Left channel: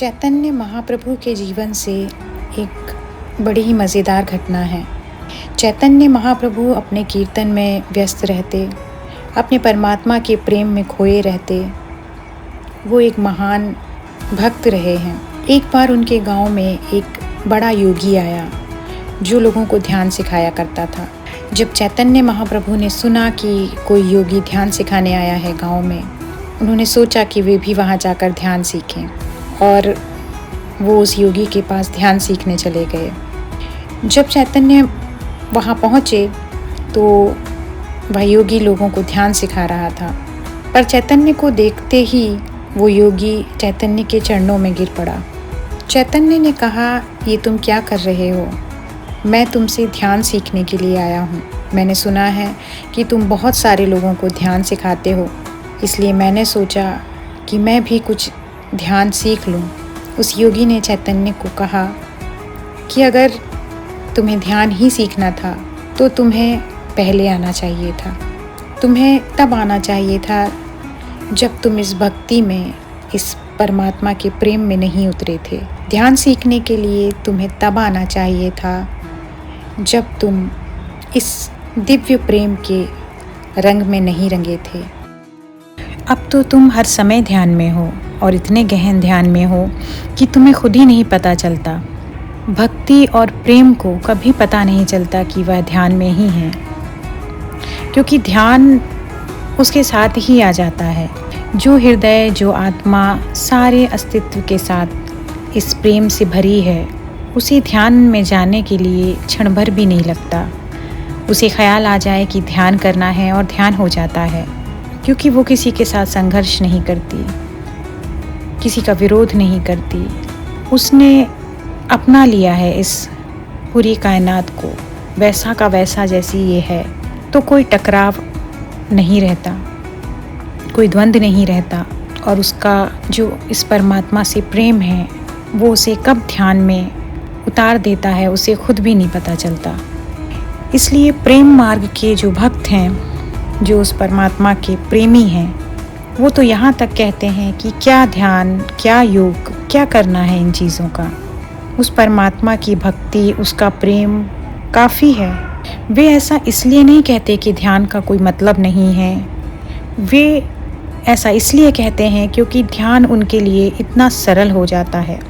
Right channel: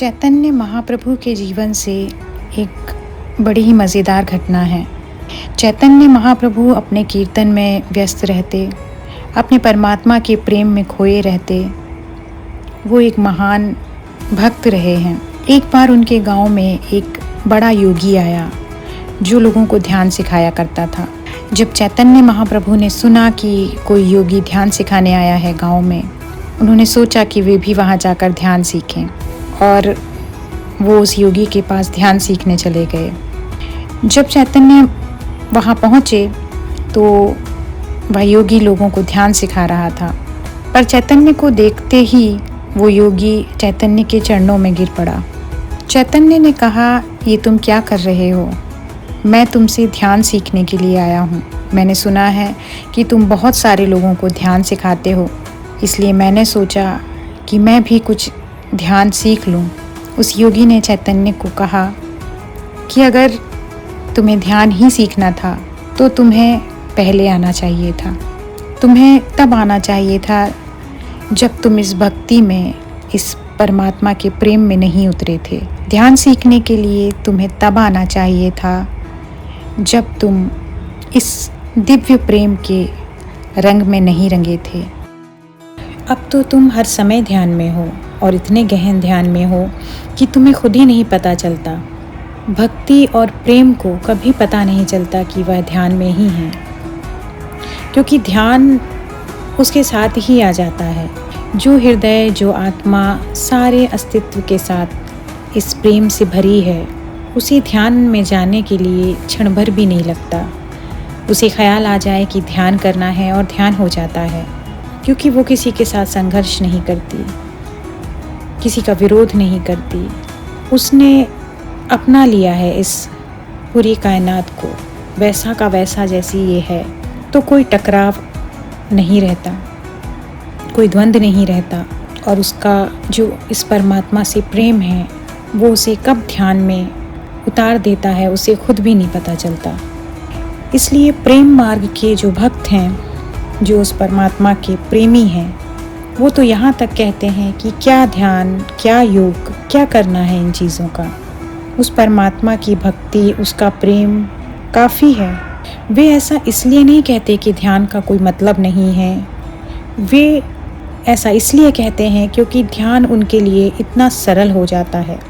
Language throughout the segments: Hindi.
चैतन्य महाप्रभु के जीवन से एक बड़ी ही मज़ेदार घटना है। चैतन्य महाप्रभु अपने कीर्तन में व्यस्त रहते, अपने परमात्मा के प्रेम में खोए रहते। वो एक महान भक्त रहे हैं। एक बार उनके गांव में एक बड़ा योगी आया जो लोगों को ध्यान सिखाया करता था। जब चैतन्य महाप्रभु ने सुना कि कोई योगी ध्यान सिखाने आया है गांव में, उन्होंने सोचा कि वे भी वहां जाकर ध्यान सीखें और वो उस योगी के पास ध्यान सीखने चले गए। जब चैतन्य वहाँ पहुँचे तो वह योगी लोगों को ध्यान सिखा रहा था, पर चैतन्य को देखते ही वो योगी चैतन्य के चरणों में गिर पड़ा। चैतन्य ने कहा, ये तुम क्या कर रहे हो? मैं तुमसे ध्यान सीखने के लिए आया हूँ। मैंने सुना है कि तुम बहुत सारे लोगों को ध्यान सिखाते हो, इसलिए मैंने सोचा कि मैं भी कुछ ध्यान सीख लूं। उस योगी ने चैतन्य को कहा कि अगर तुम्हें ध्यान ही सीखना था तो तुम्हें पहले आना चाहिए था। तुम्हें तब आना चाहिए था जब तुम इस भक्ति में, इस परमात्मा के प्रेम में नहीं उतरे थे। ध्यान सीखने के लिए तुम्हें तब आना चाहिए था जब तुम इस दिव्य प्रेम के रंग में नहीं रंगे थे। अब तो तुम हर समय ध्यान में हो और इतने गहन ध्यान में हो कि तुम्हें खुद ही नहीं पता चलता। भक्ति और प्रेम को कभी पता नहीं चलता कि वह ध्यान में ही है, क्योंकि ध्यान उसके साथ ही आ जाता है। जो हृदय, जो आत्मा सारे अस्तित्व के साथ इस प्रेम से भरी है, उसी ध्यान में जाने के लिए क्षण भर भी नहीं लगता। उसे ख्याल आ जाए कि ध्यान करना है और ध्यान हो जाता है, क्योंकि वो किसी के साथ संघर्ष नहीं करती, किसी का विरोध नहीं करती। उसने अपना लिया है इस पूरी कायनात को, वैसा का वैसा जैसी ये है। तो कोई टकराव नहीं रहता, कोई द्वंद्व नहीं रहता, और उसका जो इस परमात्मा से प्रेम है वो उसे कब ध्यान में उतार देता है उसे खुद भी नहीं पता चलता। इसलिए प्रेम मार्ग के जो भक्त हैं, जो उस परमात्मा के प्रेमी हैं, वो तो यहाँ तक कहते हैं कि क्या ध्यान, क्या योग, क्या करना है इन चीज़ों का। उस परमात्मा की भक्ति, उसका प्रेम काफ़ी है। वे ऐसा इसलिए नहीं कहते कि ध्यान का कोई मतलब नहीं है। वे ऐसा इसलिए कहते हैं क्योंकि ध्यान उनके लिए इतना सरल हो जाता है।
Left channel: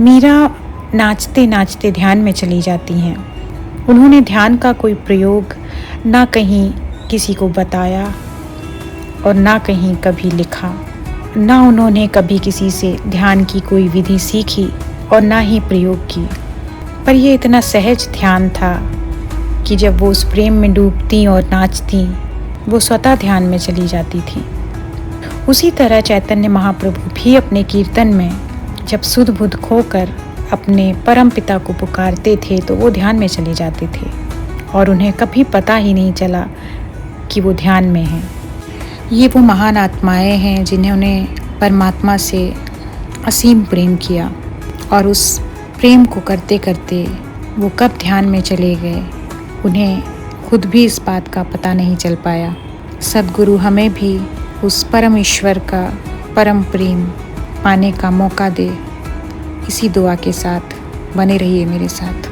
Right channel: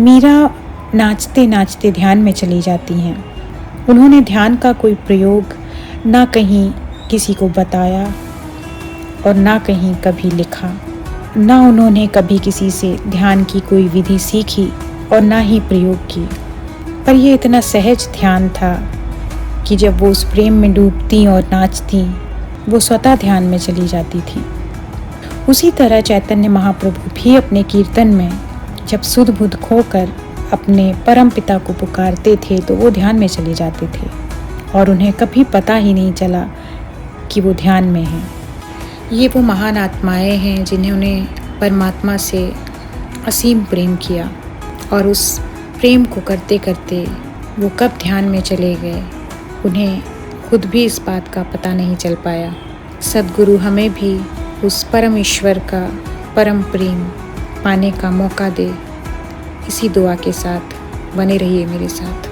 मीरा नाचते नाचते ध्यान में चली जाती हैं। उन्होंने ध्यान का कोई प्रयोग ना कहीं किसी को बताया और ना कहीं कभी लिखा, ना उन्होंने कभी किसी से ध्यान की कोई विधि सीखी और ना ही प्रयोग की। पर यह इतना सहज ध्यान था कि जब वो उस प्रेम में डूबती और नाचती, वो स्वतः ध्यान में चली जाती थी। उसी तरह चैतन्य महाप्रभु भी अपने कीर्तन में जब सुध बुध खोकर अपने परम पिता को पुकारते थे तो वो ध्यान में चले जाते थे और उन्हें कभी पता ही नहीं चला कि वो ध्यान में हैं। ये वो महान आत्माएं हैं जिन्होंने परमात्मा से असीम प्रेम किया, और उस प्रेम को करते करते वो कब ध्यान में चले गए उन्हें खुद भी इस बात का पता नहीं चल पाया। सद्गुरु हमें भी उस परम ईश्वर का परम प्रेम पाने का मौका दे। इसी दुआ के साथ बने रहिए मेरे साथ।